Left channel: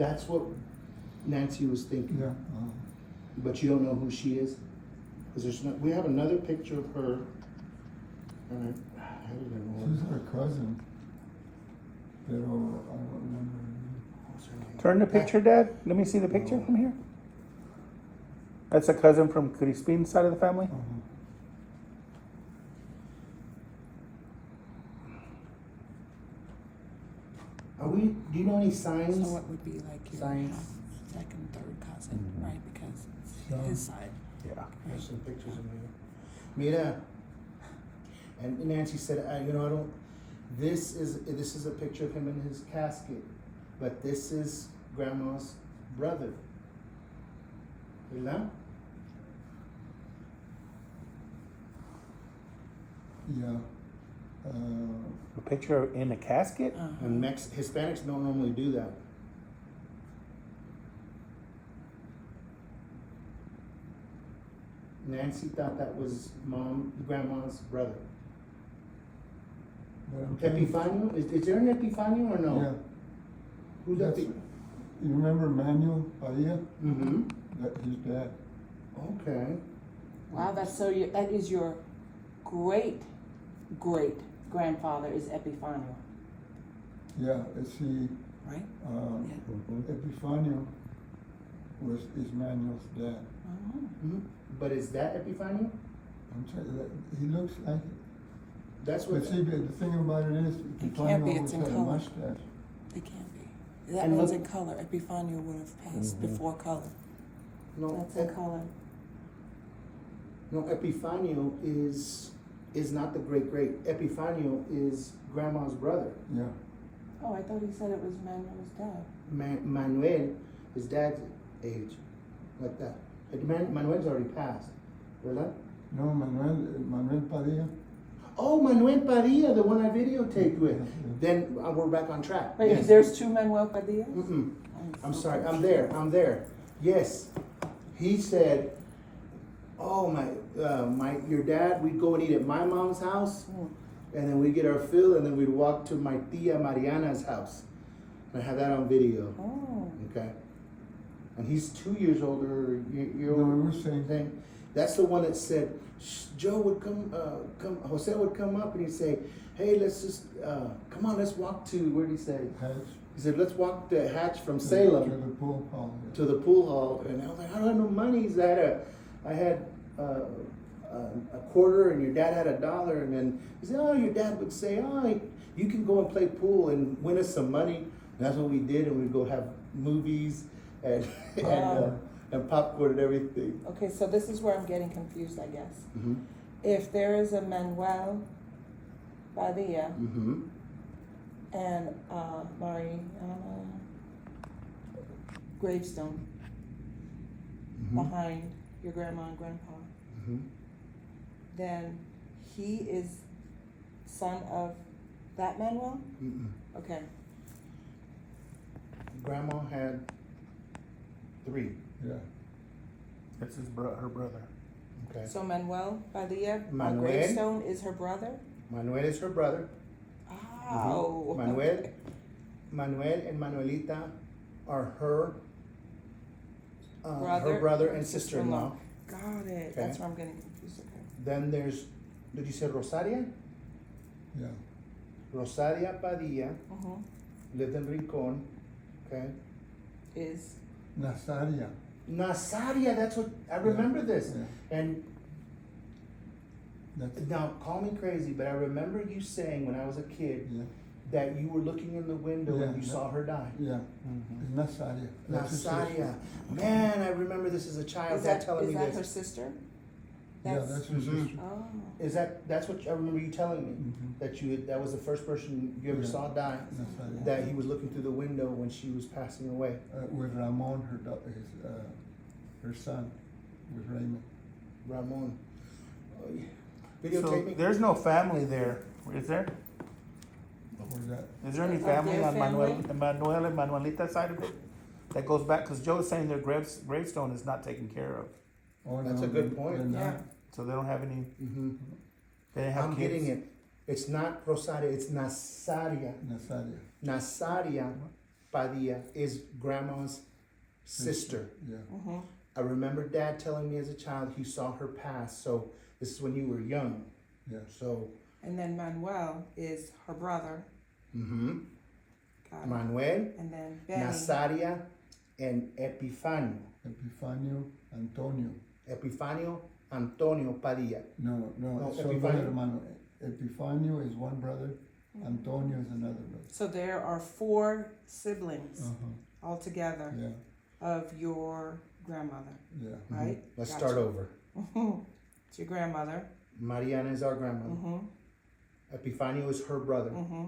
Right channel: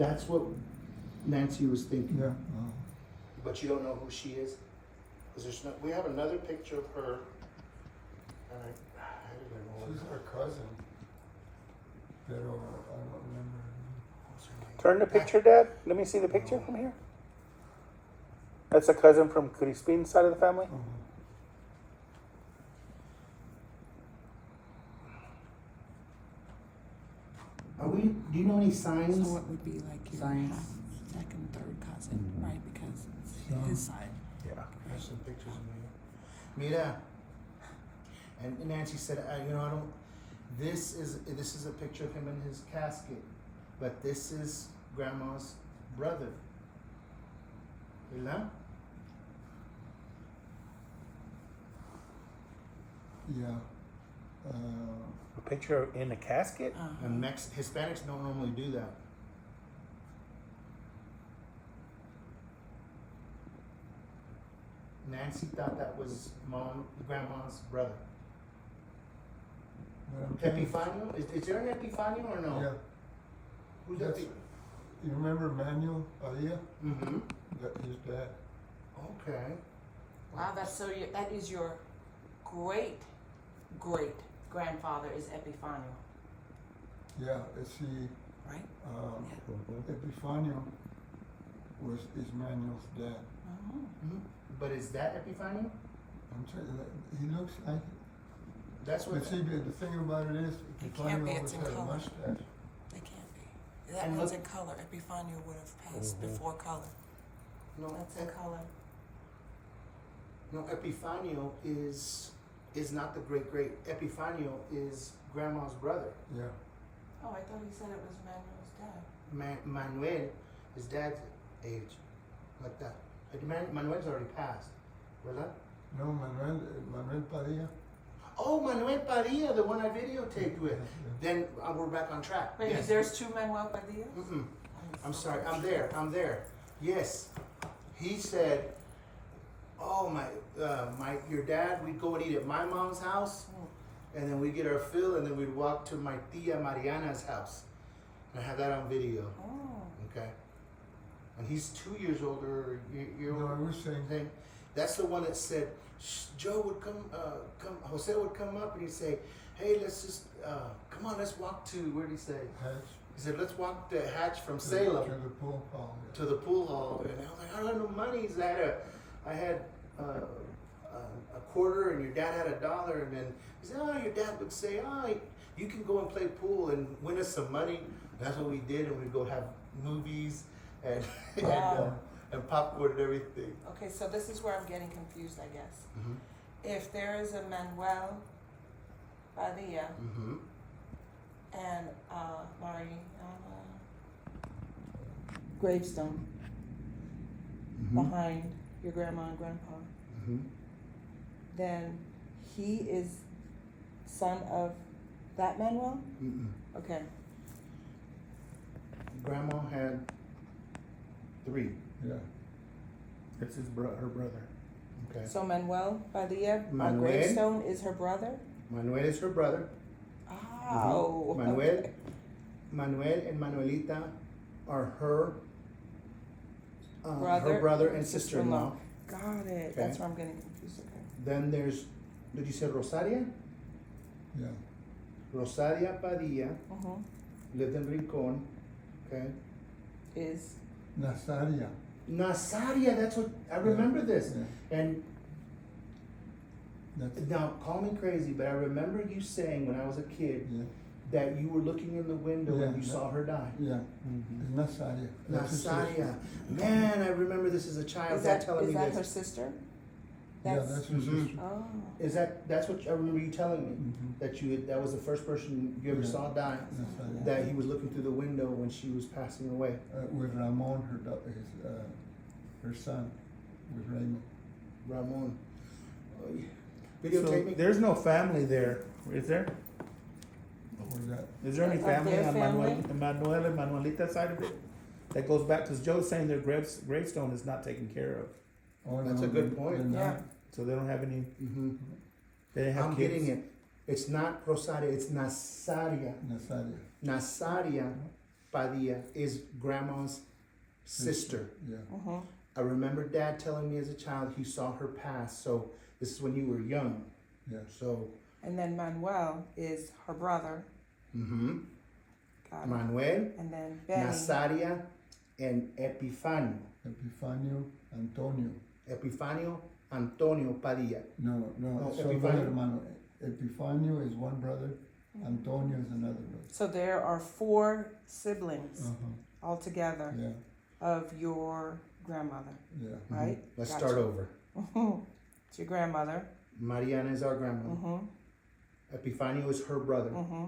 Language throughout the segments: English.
That's what Nancy was thinking. Yeah. But you don't know who she is? Because there's no, we have another picture of her. And I don't remember. She's our cousin. Pero I don't remember her name. What's her name? Turn the picture, Dad. Let me see the picture No. from here. That's a cousin from Crispin's side of the family. Uh-huh. Are we? Do you know any signs? So it would be like your Signs. half, second, third cousin, right? Because Yeah. his side. Yeah. There's some pictures in here. Mira. And Nancy said, you know, I don't. This is a picture of him in his casket, but this is Grandma's brother. ¿Verdad? Yeah. A picture in a casket. And Hispanics don't normally do that. Nancy thought that was Grandma's brother. But I'm trying- Epifanio? Is there an Epifanio or no? Yeah. Who's that? That's- You remember Manuel Padilla? Mm-hmm. That his dad. Okay. Wow, that's so. That is your great grandfather is Epifanio, Yeah, see, right? Epifanio is Manuel's dad. Oh. Mm-hmm. But is that Epifanio? I'm telling you, he looks like it. That's what. But see, but the thing about it is, It can't be, Epifanio it's always in had a color. mustache. It can't be. That And one's look- in color. Epifanio would have passed before color. No, That's in color. no. Epifanio is not the great. Epifanio is Grandma's brother. Yeah. Oh, I thought he said it was Manuel's dad. Manuel, his dad's age, like that. Manuel's already passed, ¿verdad? No, Manuel Padilla. Oh, Manuel Padilla, the one I videotaped with. Then we're back on track. Wait, Yes. there's two Manuel Padillas? Mm-mm. I'm so sorry. confused. I'm there. Yes, he said, "Oh your dad. We'd go and eat at my mom's house, and then we'd get our fill, and then we'd walk to my tia Mariana's house." And I have that on video. Oh. Okay. And he's 2 years older. You're No, it was saying, thing. That's the one that said Joe would Jose would come up and he'd say, "Hey, let's just come on, let's walk to where did he say?" Hatch. He said, "Let's walk the hatch from To Salem the pool hall. to the pool hall." And I was like, "I don't have no money." He said, "I had a quarter, and your dad had $1." And then he said, "Oh, your dad would say, oh, you can go and play pool and win us some money." And that's what we did, and we'd go have movies and Wow. and popcorn and everything. Okay, so this is where I'm getting confused, I guess. Mm-hmm. If there is a Manuel Padilla Mm-hmm. and Mariana gravestone behind your grandma and grandpa, Mm-hmm. then he is son of that Manuel? Mm-mm. Okay. Grandma had 3. Yeah. That's her brother. Okay. So Manuel Padilla on Manuel. gravestone is her brother? Manuel is her brother. Oh. Manuel and Manuelita are her Brother her brother and and sister-in-law. sister-in-law. Got it. Okay. That's where I'm getting confused. Okay. Then there's, did you say Rosaria? Yeah. Rosaria Padilla Uh-huh. lived in Rincon. Okay. Is Nazaria. Nazaria, that's what I remember this. Yeah. And That's, now, call me crazy, but I remember you saying when I was a kid yeah. that you were looking in the window and you Yeah. saw her die. Yeah. It's Nazaria. That's his Nazaria. sister. Man, I remember this as a child. is Dad that, telling is me that this. her sister? Yeah, that's her Mhm. sister. Oh. That's what I remember you telling me. Mhm. That was the first person you ever Yeah. saw die. Nazaria. That he was looking through the window when she was passing away. With Ramon, her son, with Raymond. Ramon. Oh, yeah. So Videotape me. there's no family there, is there? Or that, Is there any Of family their on family? Manuel and Manuelita's side of it? That goes back, because Joe is saying their gravestone is not taken care of, oh, That's no, a good they're point. not. Yeah. so they don't have any, Mm-hmm. they didn't have I'm kids. getting it. It's not Rosaria. It's Nazaria. Nazaria. Nazaria. Padilla is grandma's sister. Yeah. Mm-hmm. I remember Dad telling me as a child he saw her pass. So this is when you were young. Yeah. So, And then Manuel is her brother. Got it. Manuel, And then Benny. Nazaria, and Epifanio. Epifanio Antonio. Epifanio Antonio Padilla. No, No, son dos Epifanio. hermanos. Epifanio is one brother, Antonio is another brother. So there are 4 siblings Uh-huh. altogether Yeah, of your grandmother, yeah. right? Let's Gotcha. start over. It's your grandmother. Mariana is our grandmother. Mm-hmm. Epifanio is her brother. Mm-hmm.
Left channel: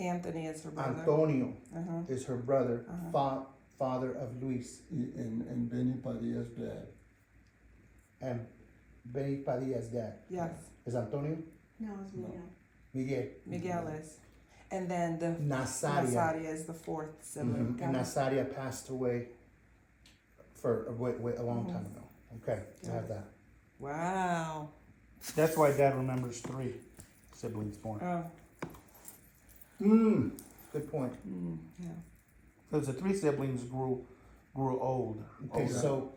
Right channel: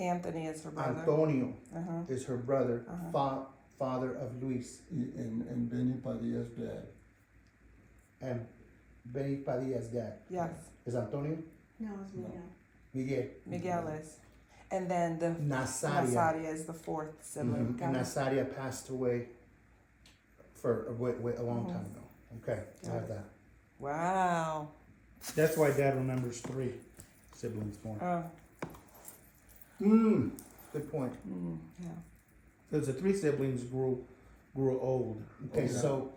Anthony is her brother. Antonio Uh-huh. is her brother, Uh-huh. father of Luis. And Benny Padilla's dad. And Benny Padilla's dad. Yes, Is Antonio? No, it's No. Miguel. Miguel is. And then the Nazaria. Nazaria is the 4th sibling. And Got it. Nazaria passed away for a long Mhm. time ago. Okay, I have that. Wow. That's why Dad remembers 3 siblings born. Oh, Good point. yeah. Because the 3 siblings grew old. Okay, Okay. so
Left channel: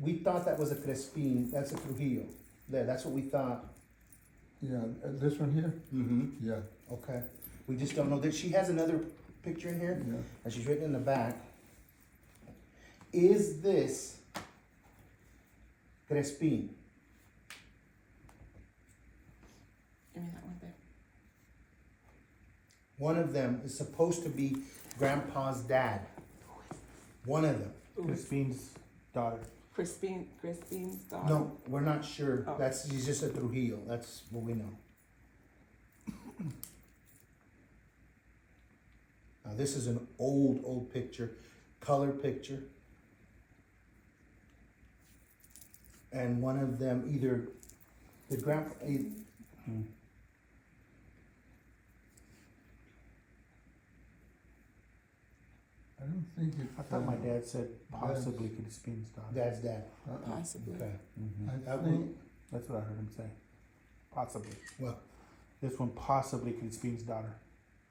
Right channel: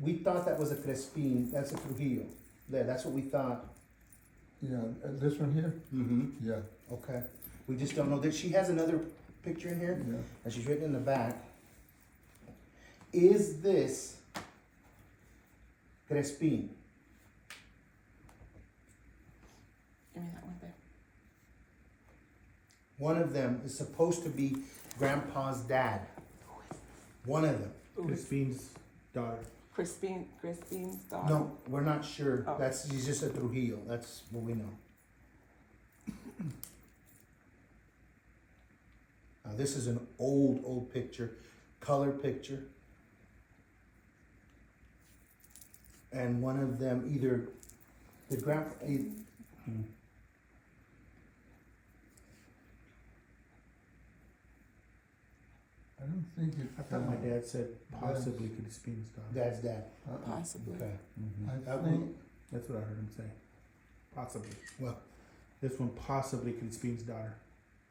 we thought that was a Crespin, that's a Trujillo. There, that's what we thought. Yeah, this one here? Mm-hmm. Yeah, Okay. We just don't know that she has another picture in here, yeah. and she's written in the back. Is this Crespin? Give me that one there. One of them is supposed to be Grandpa's dad. One of them. Crispin's daughter. Crispine's daughter. No, we're not sure. Oh. She's just a Trujillo. That's what we know. Now this is an old picture, color picture. And one of them either the grandpa. I don't think it. I thought my dad said possibly Crispin's daughter. Dad's dad. Possibly. Okay. Mhm. I think, That's what I heard him say. Possibly. Well, This one possibly Crispin's daughter.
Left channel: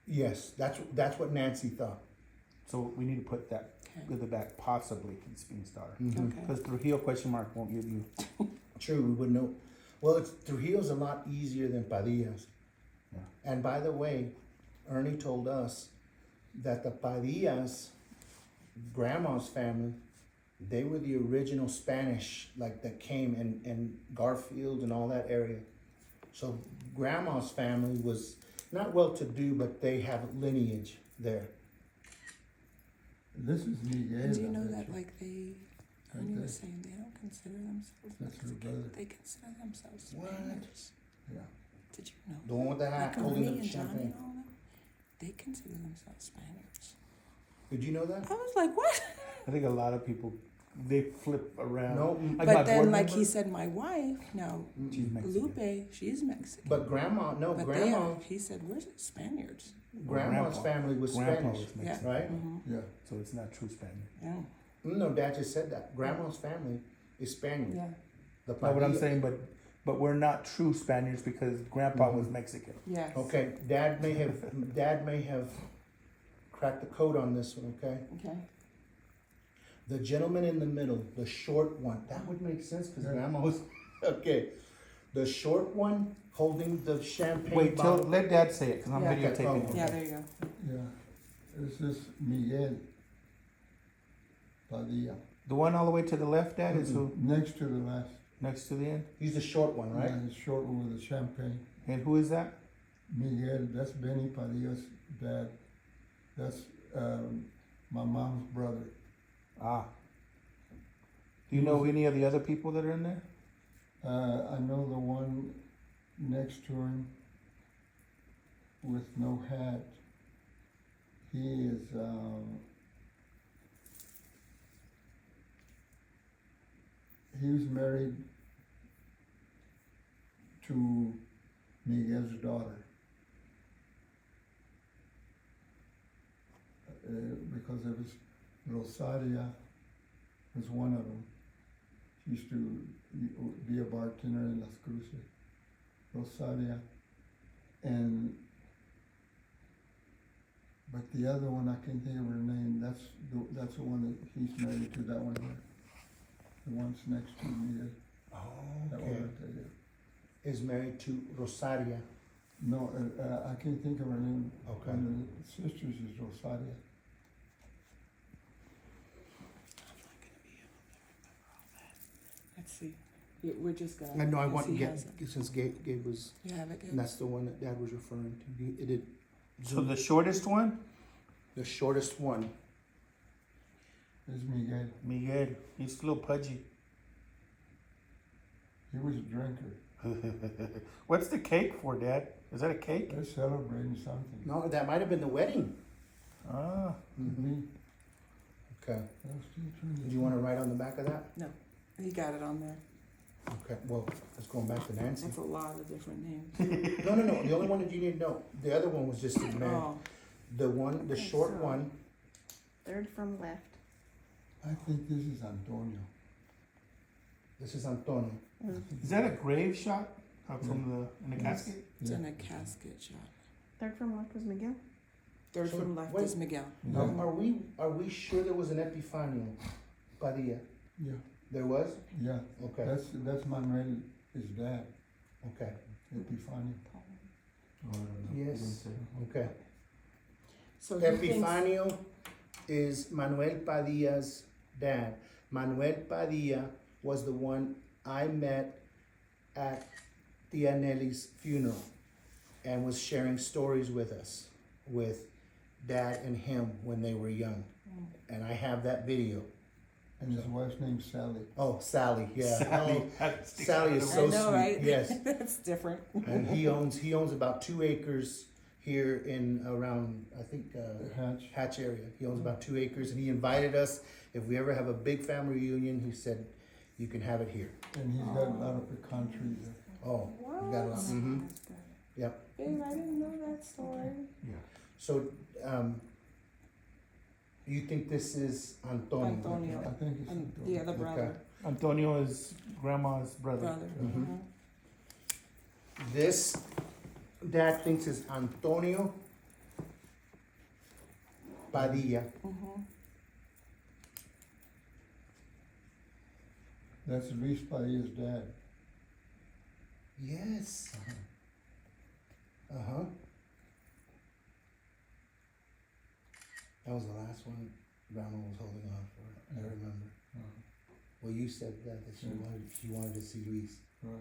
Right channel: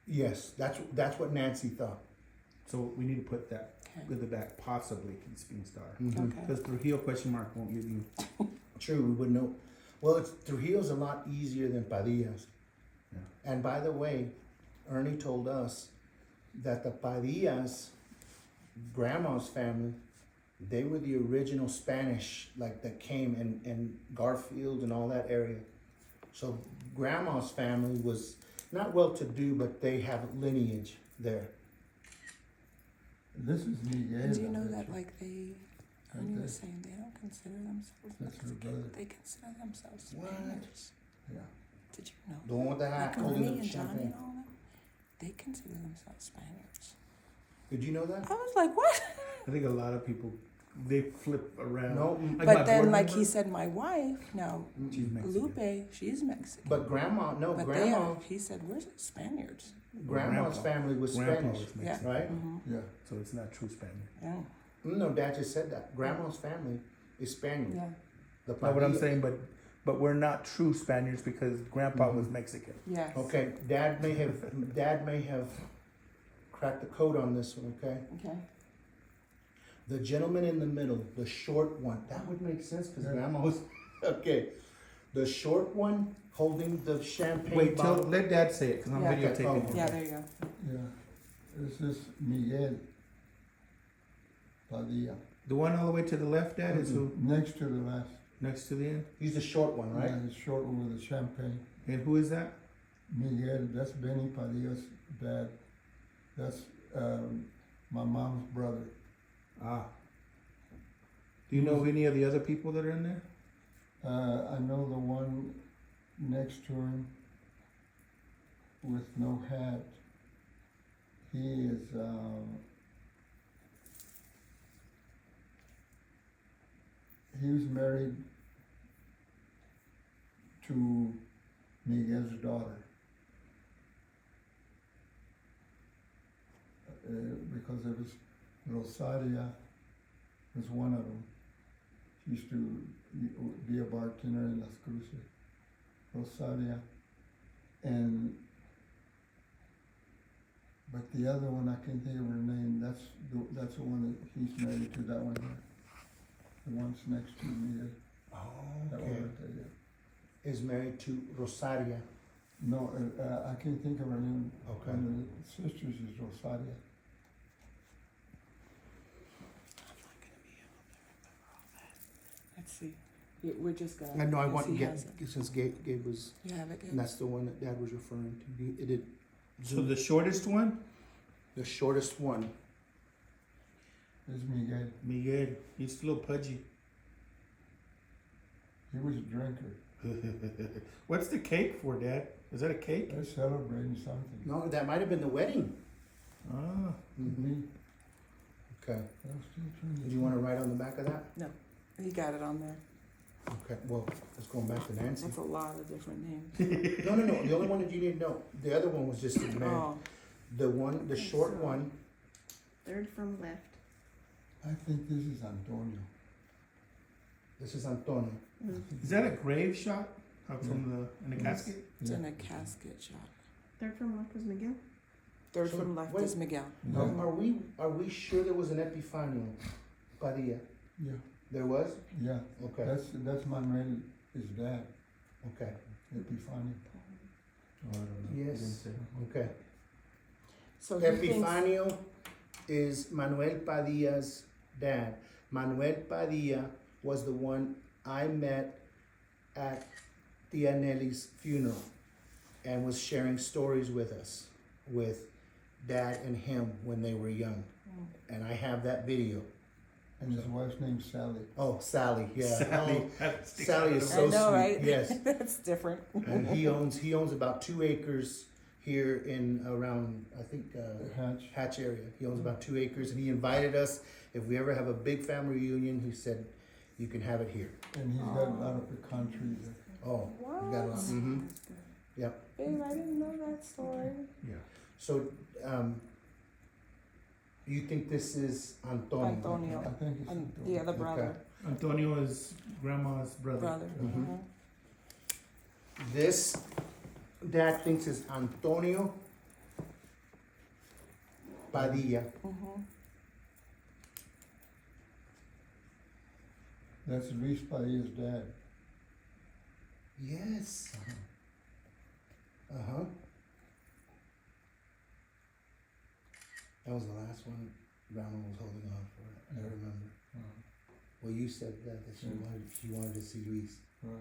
yes, that's what Nancy thought. So we need to put that Okay. at the back, possibly Crispin's daughter. Mhm. Okay. Because Trujillo question mark won't give you. True, we would know. Well, Trujillo's a lot easier than Padilla's. Yeah. And by the way, Ernie told us that the Padillas, grandma's family, they were the original Spanish, like that came in Garfield and all that area. So grandma's family was not well-to-do, but they have lineage there. this is Miguel. And do you know I bet that, you. like, they, Right Ernie there. was saying they don't consider themselves That's her Mexican. brother. They consider themselves What? Spaniards. Yeah. Did you know? The one with the hat Like holding Ernie the and Johnny champagne. and all them, they consider themselves Spaniards. Did you know that? I was like, what? I think a lot of people, they flip around. No, Like my But then, board like member, he said, my wife, now, she's Mexican. Lupe, she's Mexican. but grandma, no, But grandma, he said, we're Spaniards. grandma's Grandpa. family was Grandpa Spanish, was Mexican. right? Mm-hmm. Yeah, So it's not true Spaniard. Yeah. No, Dad just said that. Grandma's family is Spaniard. Yeah. The No, what I'm Padilla- saying, but we're not true Spaniards because Grandpa Mhm. was Mexican. Yes. Okay, Dad may have cracked the code on this one, okay? Okay. The gentleman in the middle, the short one, that would make sense because Yeah. Grandma was, okay. The short one holding the champagne Wait, bottle. let Dad say it because I'm Yeah. videotaping. Okay. Yeah, there you go. yeah. This is Miguel Padilla. The one all the way to the left, Dad, is who? Next to the last. Next to the end. He's the short one, right? Yeah, the short one with the champagne. And who is that? Miguel, that's Benny Padilla's dad. That's my mom's brother. Ah. Do you know any of the other people that are in there? I know the one next to him with no hat. He is, he was married to Miguel's daughter. Because there was Rosaria was one of them. She used to be a bartender in Las Cruces. Rosaria. And But the other one, I can't think of her name, that's the one that he's married to, that one here. The one's next to me, Oh, that okay. one right there, yeah. Is married to Rosaria. No, I can't think of her name. Okay. One of the sisters is Rosaria. Let's see. We're just gonna. I know, I because want to he get, has it. since Gabe was, You have it, and Gabe? that's the one that Dad was referring to. It did, So the shortest one, the shortest one. It's Miguel. Miguel. He's a little pudgy. He was a drinker. What's the cake for, Dad? Is that a cake? They're celebrating something. No, that might have been the wedding. Ah, Me, Okay. I was still trying to. Do you want to write on the back of that? He got it on there. Okay, well, let's go back to Nancy. That's a lot of different names. No, the only one that you need to know, the other one was just the man. Oh, The one, the Okay, short so- one, Third from left. I think this is Antonio. this is Antonio. is that a grave shot from the in a Yes. casket? it's Yeah. in a casket shot. Third from left was Miguel. Third So, from left wait. is Miguel. Yeah. Are we sure there was an Epifanio Padilla? Yeah, There was? yeah. Okay, That's Manuel, his dad, okay, Epifanio. Oh, I don't know. Yes. He didn't say. okay. So he thinks, Epifanio is Manuel Padilla's dad. Manuel Padilla was the one I met at Tia Nelly's funeral and was sharing stories with us, with Dad and him when they were young. And I have that video. And his wife's name's Sally. Oh, Sally, yeah. Sally, Oh, that sticks Sally out is of the so I know, sweet. right? Yes. That's different. And he owns about 2 acres here in around, I think, Hatch. Hatch area. He owns about 2 acres, and he invited us. If we ever have a big family reunion, he said, you can have it here. And he's got a lot of pecan trees there. Oh, we got a lot. Mm-hmm. Yep. Babe, I didn't know that story. So, you think this is Antonio? Antonio. I think it's And Antonio. the other brother. Antonio is grandma's brother. Brother. Mhm. Mhm. This, Dad thinks is Antonio Padilla. Mhm. That's Luis Padilla's dad. Yes. Uh-huh. That was the last one Grandma was holding on for, I remember. Well, you said that she wanted to see Luis. Right.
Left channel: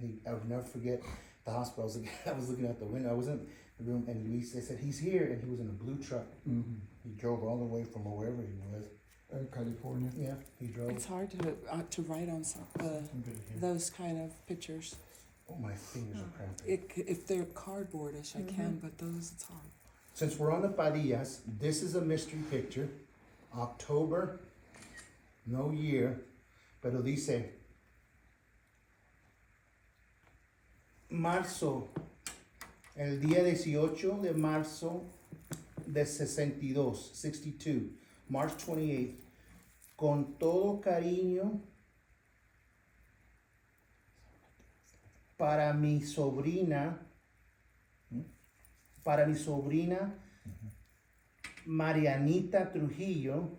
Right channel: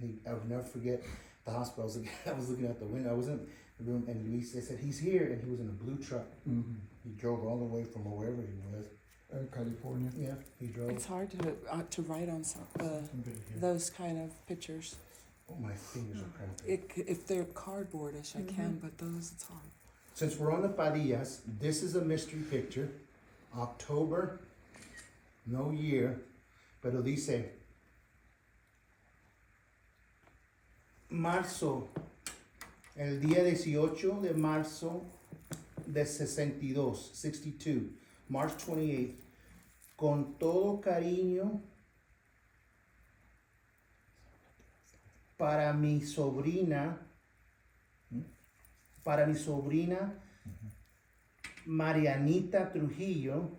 And I would never forget the hospital. I was looking out the window. I was in the room, and Luis, they said, he's here, and he was in a blue truck. Mm-hmm. He drove all the way from wherever he was. California. Yeah, he drove. It's hard to write on some, Good. those kind of pictures. Oh, my fingers are cramping. If they're cardboardish, I can, but those, it's hard. Since we're on the Padillas, this is a mystery picture. October, no year, pero dice marzo, el día 18 de marzo de 62, March 28th, con todo cariño para mi sobrina, Marianita Trujillo.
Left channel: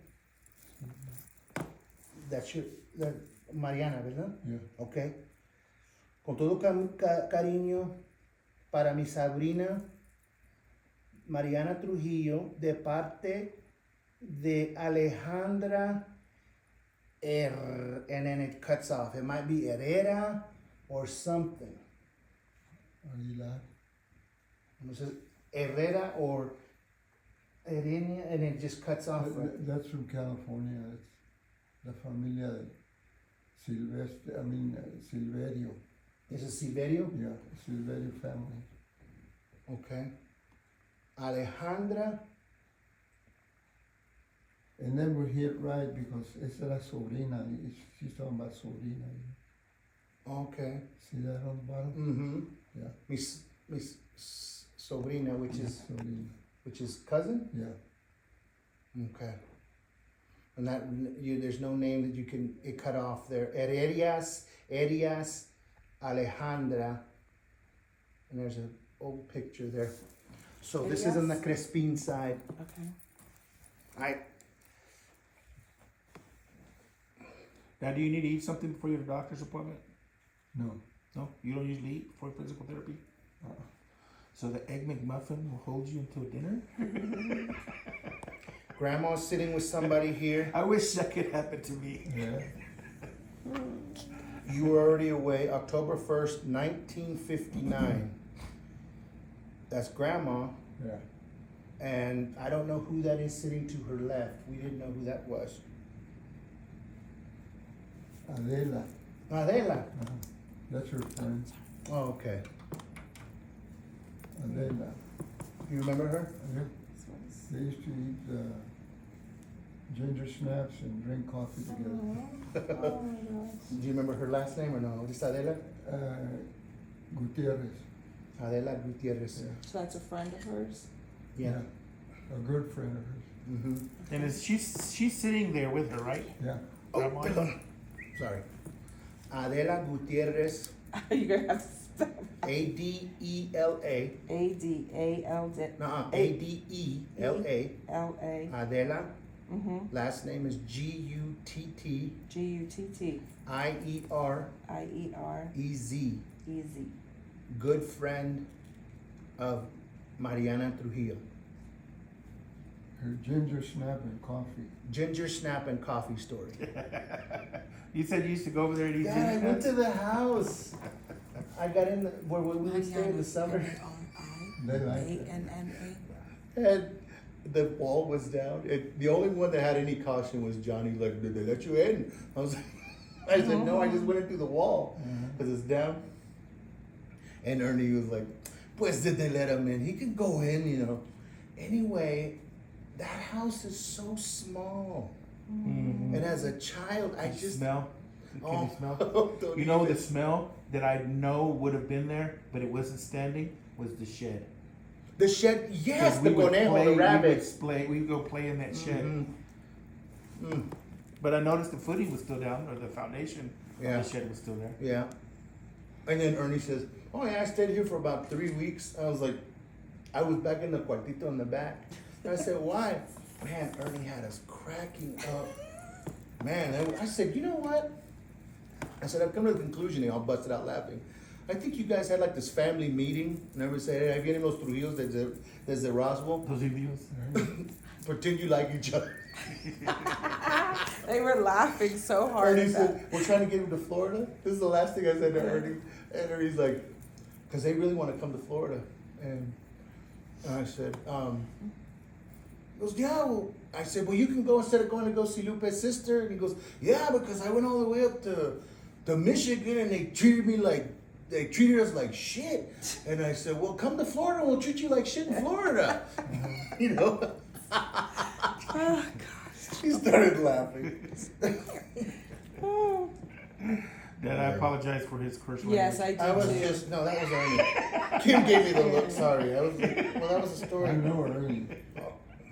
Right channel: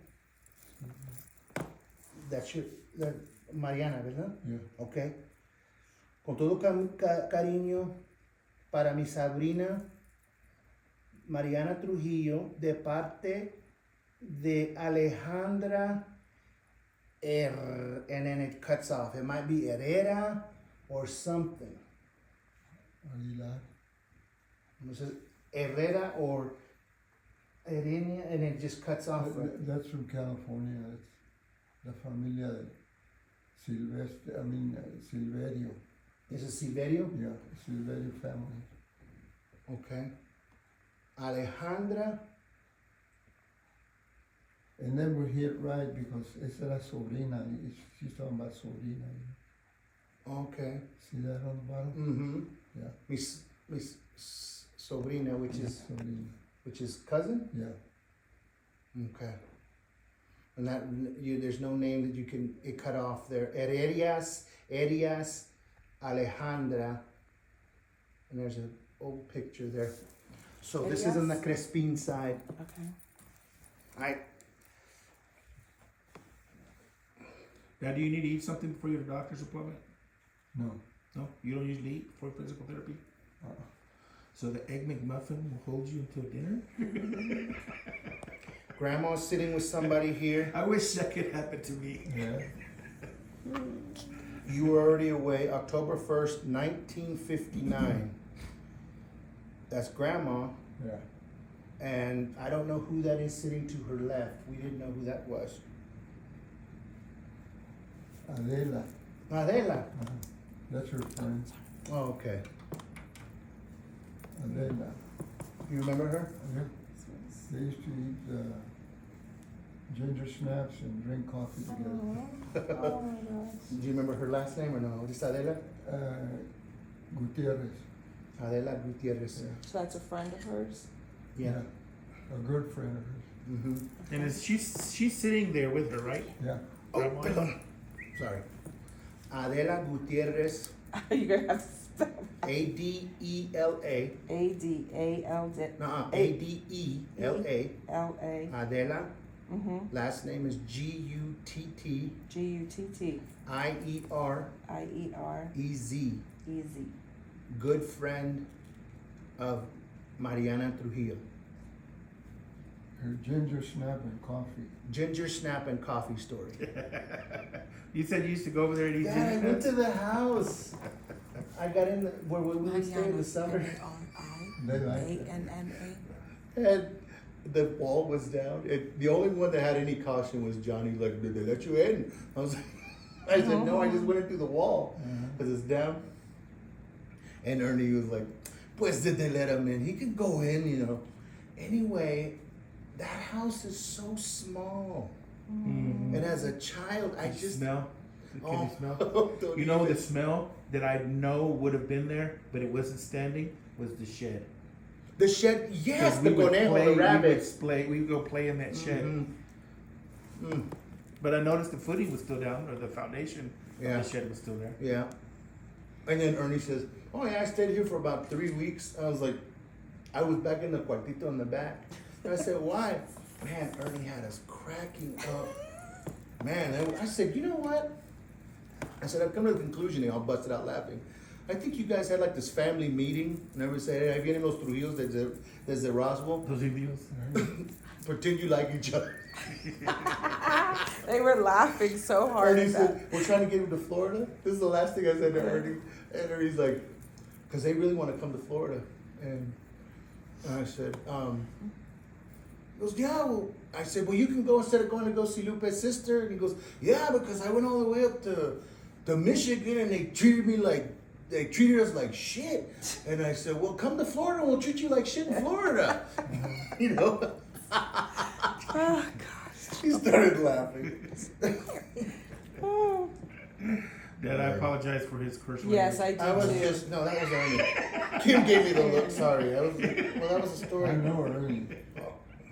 That's your, Mariana, ¿verdad? Yeah. Ok. Con todo cariño para mi sobrina Mariana Trujillo, de parte de Alejandra and then it cuts off. It might be Herrera or something. Aguilar. It says Herrera or Herenia, and it just cuts off. That's from California. It's la familia de Silvestre, Silverio. Is it Silverio? Yeah, Silverio family. Okay. Alejandra. And then we hit right because it's la sobrina. She's talking about sobrina. Okay. See that on the bottom? Mm-hmm. Yeah. Miss sobrina, Sobrina. which is cousin. Yeah. Okay. And that there's no name that you can it cut off there. Heredias, Alejandra, and there's an old picture there. So this is on the Yes. Crespin side. Okay. Now, do you need to eat something before your doctor's appointment? No. No, you don't usually eat before physical therapy. Uh-uh. So the egg McMuffin will hold you until dinner. Grandma's sitting with somebody here. I wish that could happen to me. Yeah. You were already away, October 1st, 1959. That's Grandma, Yeah. and I don't know who that is sitting to her left. We didn't know who that was. Adela. Adela. Uh-huh. That's her friend. Oh, okay. Adela. You remember her? Yeah. They used to eat ginger snaps and drink coffee together. Oh my gosh. Do you remember her last name or no? Just Adela? Gutierrez. Adela Gutierrez. Yeah. So that's a friend of hers? Yeah. A good friend of hers. Mm-hmm. And is she's sitting there with her, right? Yeah. Oh, Grandma? perdón. Sorry. Adela Gutierrez, You're gonna have to spell Adela. A-D-A-L-D. Nuh-uh, A- Adela. L-A. Adela. Mm-hmm. Last name is G-U-T-T. G-U-T-T. I-E-R-E-Z. I-E-R-E-Z. Good friend of Mariana Trujillo. Her ginger snap and coffee. Ginger snap and coffee story. You said you used to go over there and eat Yeah, I ginger went snaps? to the house. I got in where we would stay in the summer. They like it. A-N-N-A. And the wall was down. The only one that had any caution was Johnny. Like, did they let you in? I was like, I said, no, I just went in through the wall because it's down. And Ernie was like, pues did they let him in? He can go in, you know. Anyway, that house is so small. Mm. And as a child, I Can you just smell. Can you smell? don't You know even- the smell that I know would have been there, but it wasn't standing, was the shed. The shed, yes, 'Cause the we would conejo, play- the we would rabbits. We would go play in that shed. Mhm. Mm, But I noticed the footing was still down, or the foundation Yeah. of the shed was still there. yeah. And then Ernie says, oh yeah, I stayed here for about 3 weeks. I was like, I was back in the cuartito in the back. And I said, why? Man, Ernie had us cracking up. Man, I said, you know what? I said, I've come to the conclusion, and I busted out laughing. I think you guys had like this family meeting, and everybody said, hey, ahí vienen los Trujillos desde Roswell. Those videos. Pretend you like each other. They were laughing so hard Ernie at that. said, we're trying to get him to Florida. This is the last thing I said to Ernie. And Ernie's like, because they really want to come to Florida. And I said, he goes, yeah, well, I said, well, you can go instead of going to go see Lupe's sister. And he goes, yeah, because I went all the way up to Michigan and they treated us like shit. And I said, well, come to Florida and we'll treat you like shit in Florida. You know? Oh, gosh. He started laughing. Oh. Dad, I apologize for his curse words. Yes, I I was do too. just, no, that was Ernie. Kim gave me the look, sorry. That was a story. I know her. Ernie.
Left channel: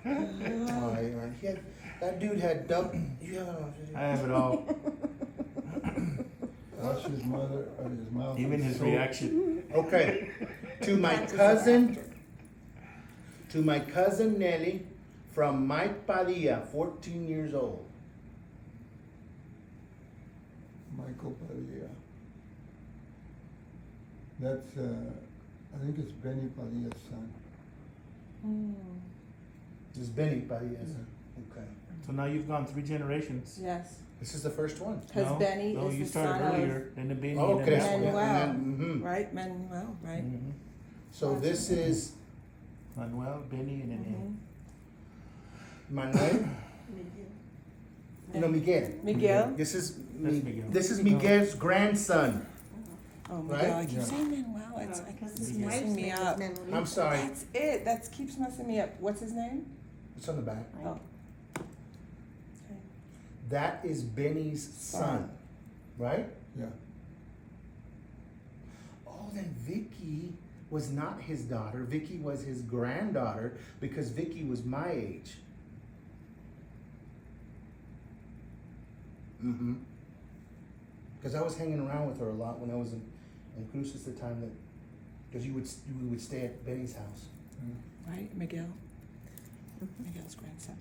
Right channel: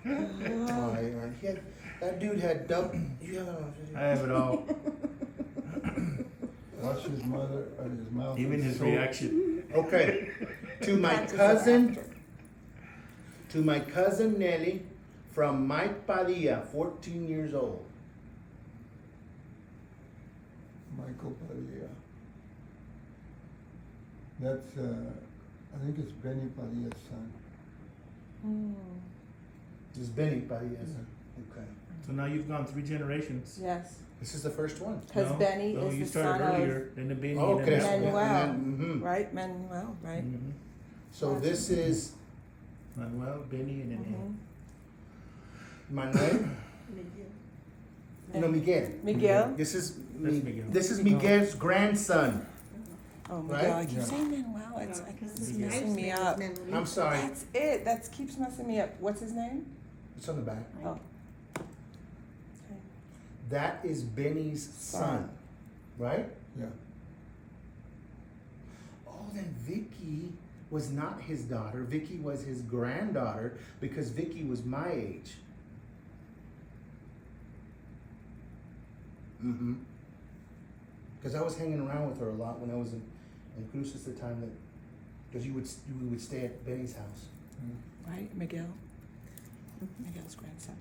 Oh, Ernie. That dude had double. I have it all. Watch his mother, his mouth. Even was his so- reaction. Okay. To my cousin Nelly from Mike Padilla, 14 years old. Michael Padilla. That's, I think it's Benny Padilla's son. This is Benny Padilla. Okay. So now you've gone 3 generations. Yes, This is the first one. because No, Benny no, is you the started son earlier, then the Benny, Oh, and okay. then Manuel. Mhm. right? Manuel, right? Mhm. So this is Manuel, Benny, and then Mhm. Manuel. No, Miguel. Miguel? This is That's Miguel. This is Miguel's grandson. Oh, Miguel, Right? I keep Yeah. saying Manuel, it's His messing wife's me name up. is Melanie. I'm sorry. That's it, that keeps messing me up. What's his name? It's on the back. Oh. That is Benny's son, right? Yeah. Oh, then Vicky was not his daughter. Vicky was his granddaughter because Vicky was my age. Mm-hmm. Because I was hanging around with her a lot when I was in Cruces the time that, because we would stay at Benny's house. right, Miguel? Miguel's grandson.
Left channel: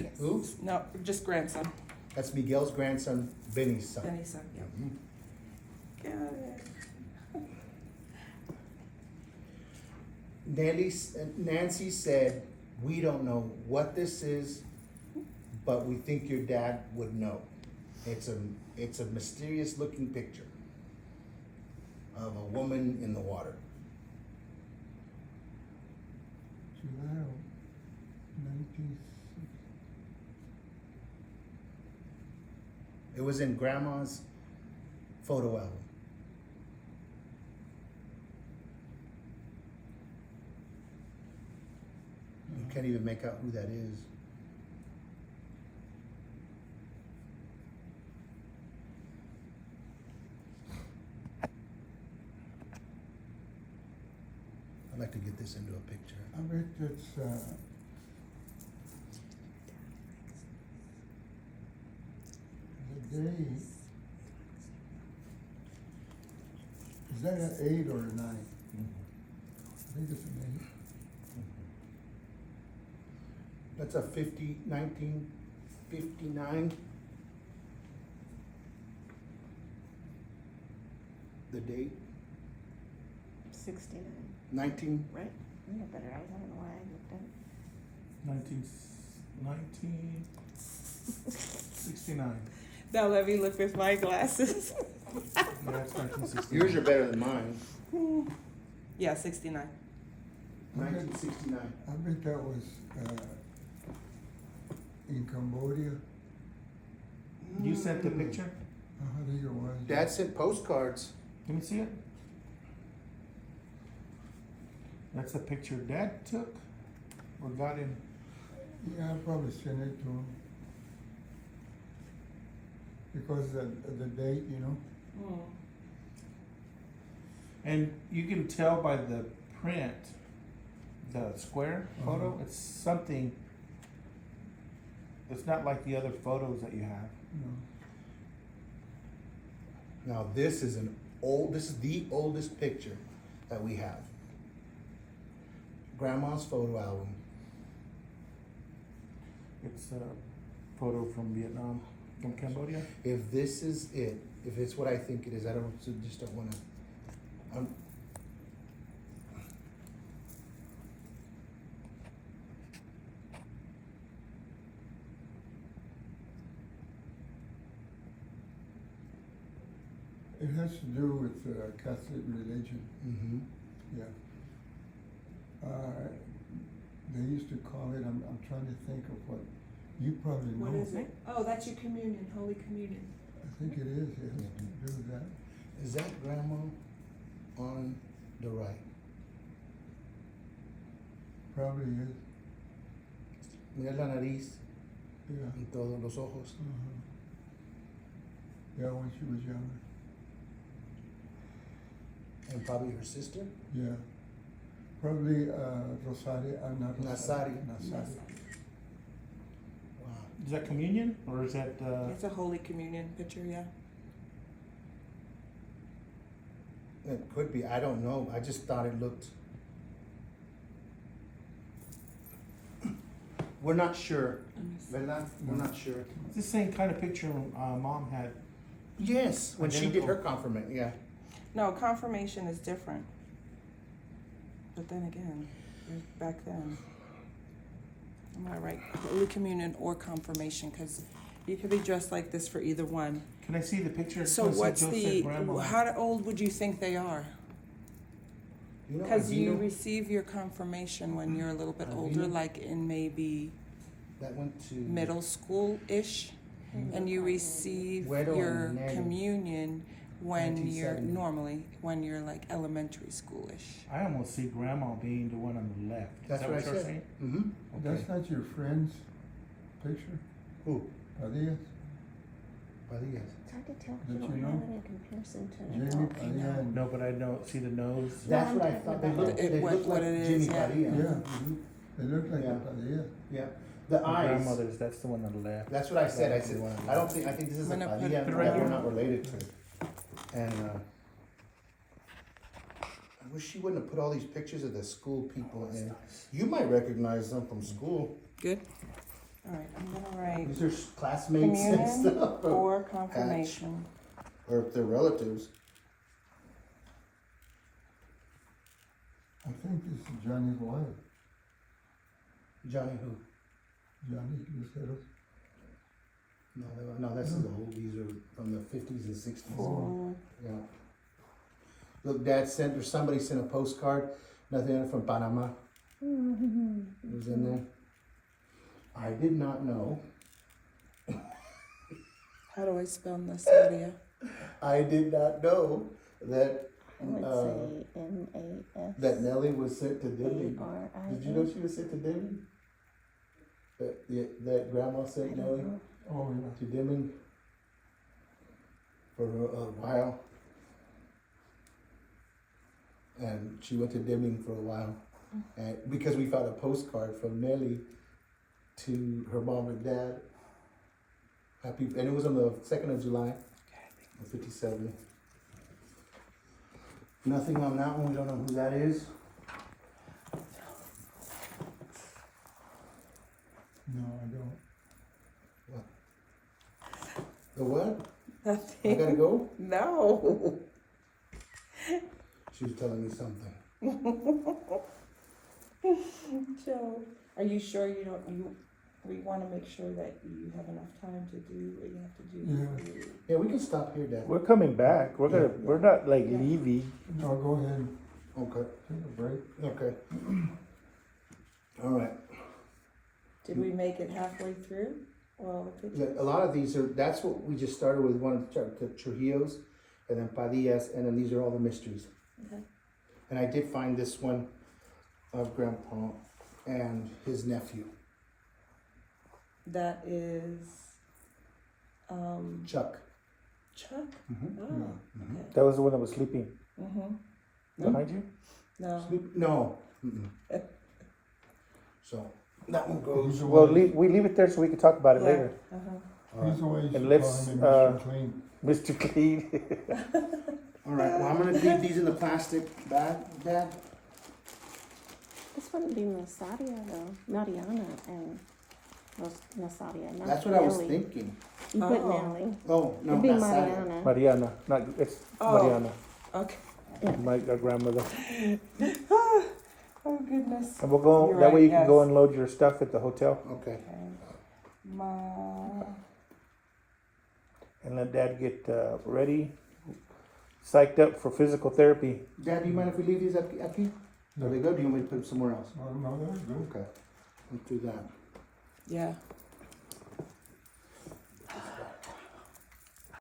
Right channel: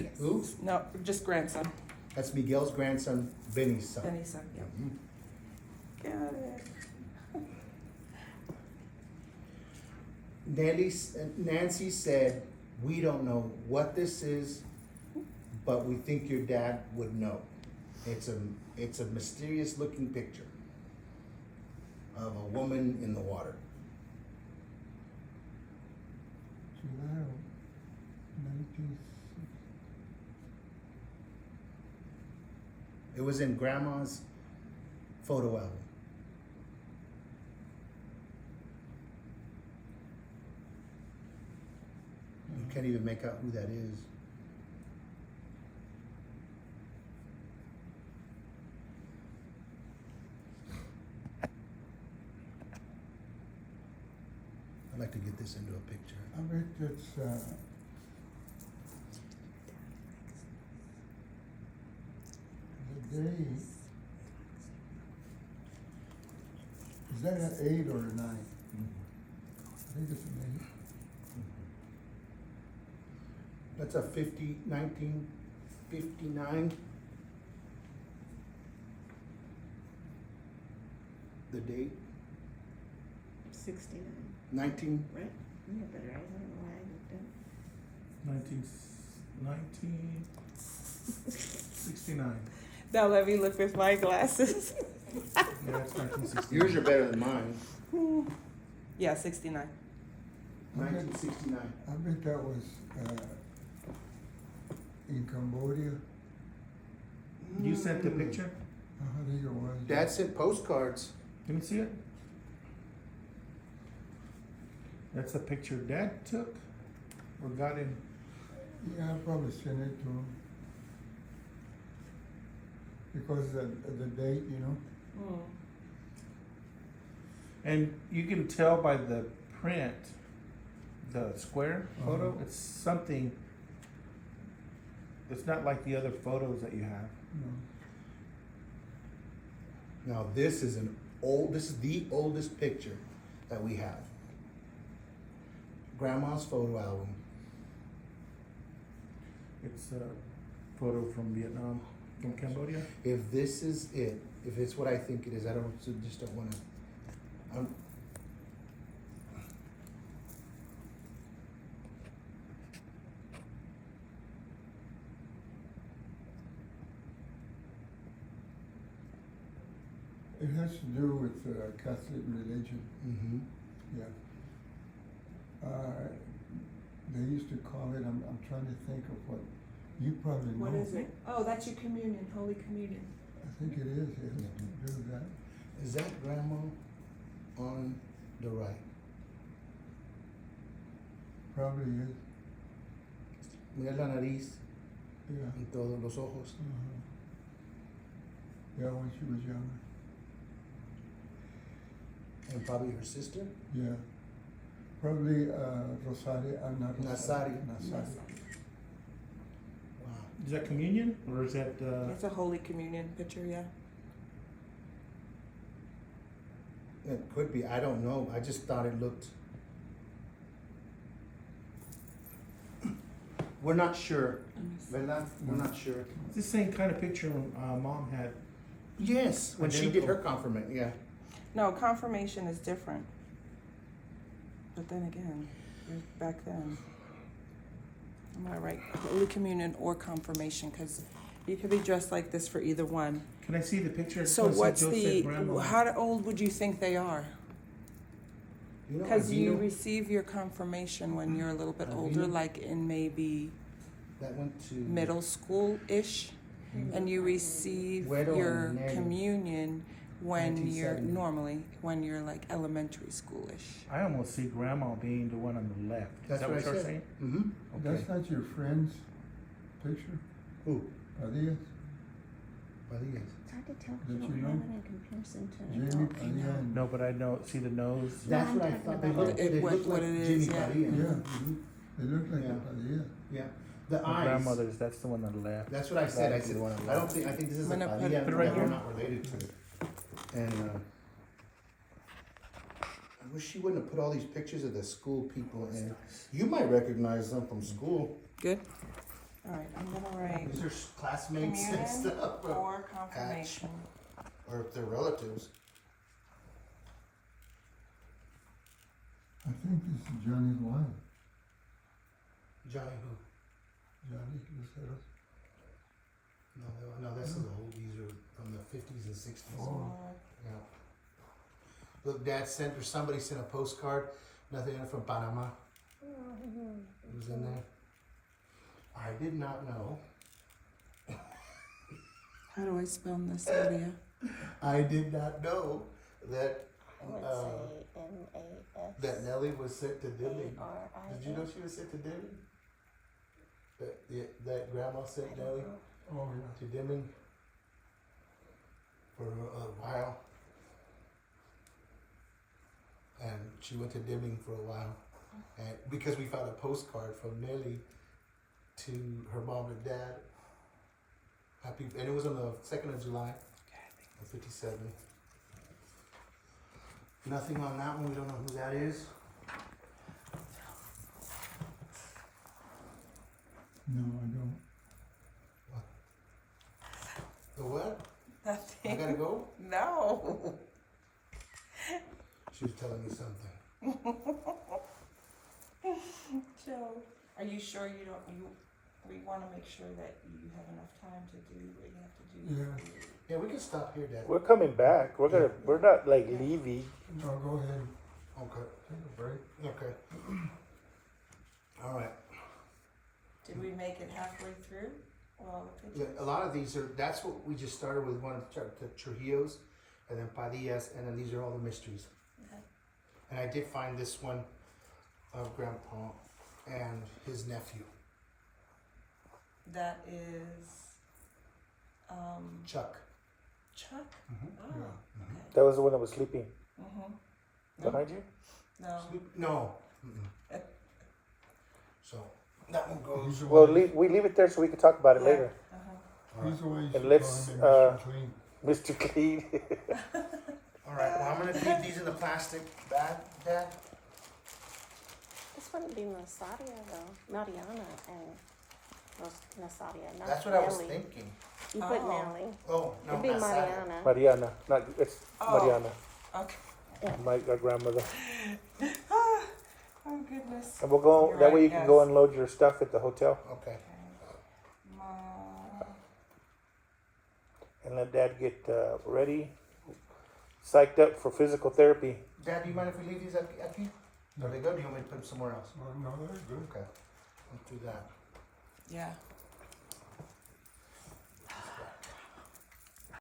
Yes. Who? No, just grandson. That's Miguel's grandson, Benny's son. Benny's son, yep. Mhm. Got it. Nancy said, we don't know what this is, but we think your dad would know. It's a mysterious looking picture of a woman in the water. July of 1960. It was in Grandma's photo album. You can't even make out who that is. I'd like to get this into a picture. I bet it's, the day, is that an 8 or a 9? I think it's an 8. That's a 1959. The date, 69, 19, right? You have better eyes, I don't know why I looked at it. 1969. Now let me look with my glasses. Yeah, it's 1969. yours are better than mine. Yeah, 69. 1969. I bet that was, in Cambodia. You sent the picture? I think it was. Dad sent postcards. Let me see it. That's a picture Dad took or got in. Yeah, I probably sent it to him. Because the date, you know. And you can tell by the print, the square photo, Uh-huh. it's something, it's not like the other photos that you have. No. Now this is this is the oldest picture that we have. Grandma's photo album. It's a photo from Vietnam, from Cambodia. If this is it, if it's what I think it is, just don't wanna. It has to do with Catholic religion, Mm-hmm. yeah. They used to call it, I'm trying to think of what, you probably know. What is it? Oh, that's your communion, Holy Communion. I think it is, it has to do with that. Is that grandma on the right? Probably is, Mira la nariz yeah. y todos los ojos. Uh-huh. Yeah, when she was younger, And probably her sister. yeah. Probably Rosario, not Rosario. Nazario. Nazario. Wow. Is that communion or is that, It's a Holy Communion picture, yeah. It could be, I don't know, I just thought it looked. We're not sure, ¿verdad? We're not sure. it's the same kind of picture Mom had? Yes, when she did her Identical. confirmation, yeah. No, confirmation is different. But then again, back then, I'm gonna write Holy Communion or confirmation, because you could be dressed like this for either one. Can I see the picture? So Let's see what's Joseph Grandma. how old would you think they are? You know, Because you Avino, receive your confirmation when you're a little bit older, Avino? like in maybe that went to. middle school-ish, and you receive Güero your and Nelly. communion when you're 1970. normally when you're like elementary school-ish. I almost see Grandma being the one on the left. That's Is that what I you're said. saying? Mm-hmm. Okay. That's not your friend's picture, Who? Padilla? Padillas. It's hard to tell Did who you I know? am in comparison to. Jamie Padilla and. No, but I know, see the nose? That's what I thought, they look, It- they what- look what like it is, Jimmy yeah. Padilla. Yeah. Mhm. They look like Yeah. a Padilla. Yeah, the My eyes, grandmother's, that's the one on the left. that's what I said, I said, I don't think, I think this is a I'm gonna put- Padilla put it that right we're here. not related to. And, I wish she wouldn't have put all these pictures of the school people in. You might recognize them from school. Good. All right, I'm gonna write These are classmates and communion stuff. or confirmation. Or if they're relatives. I think this is Johnny's wife. Johnny who? Johnny Lucero. No, this is the old. These are from the 50s and 60s. Or Yeah. Look, Dad sent, or somebody sent a postcard, nothing in it, from Panama. It was in there. I did not know. how do I spell Nasadia? I did not know that I would Uh, say N-A-S. that Nellie was sent to Dimmy. A-R-I. Did you know she was sent to Dimmy? That grandma sent Nellie Oh, yeah. to Dimmy for a while. And she went to Deming for a while. And because we found a postcard from Nellie to her mom and dad. Happy, and it was on the 2nd of July of 57. Nothing on that one, we don't know who that is. No, I don't. The what? I Nothing. gotta go? No. She was telling me something. Joe, are you sure you don't, we wanna make sure that you have enough time to do what you have to do. Yeah. Yeah, we can stop here, Dad. We're coming back. We're gonna, Yeah. we're not like Yeah. leaving. No, go ahead. Okay, Take a break. okay. All right. Did we make it halfway through? Well, the Yeah, pictures? a lot of these are, that's what we just started with, one of the Trujillos, and then Padillas, and then these are all the mysteries. Okay. And I did find this one of Grandpa and his nephew, That is, Chuck. Chuck? Mhm. Oh, Yeah. okay. That was the one that was sleeping Mm-hmm. behind you? No. Sleep- No. Mm-mm. So, that one He's goes, the We'll one, leave, we leave it there so we can talk about it Yeah. later. Uh-huh. all right. he's the one you should And call let's, him Mr. Clean. Mr. Clean. All right, well, I'm gonna leave these in the plastic bag, Dad. This wouldn't be Nasadia though, Mariana and Nasadia, not That's what I was Nelly. thinking. You put Oh. Nelly. Oh, no, It'd be that's not it. Mariana. Mariana, not, it's Oh. Mariana, Okay. my grandmother. Oh, goodness. And we'll go, You're that right, way you can yes. go and load your stuff at the hotel Okay. Okay. and let Dad get, ready, psyched up for physical therapy. Dad, do you mind if we leave these up here? Are they good? Do you want me to put them somewhere else? Oh, no, they're good. Okay, let's do that. Yeah.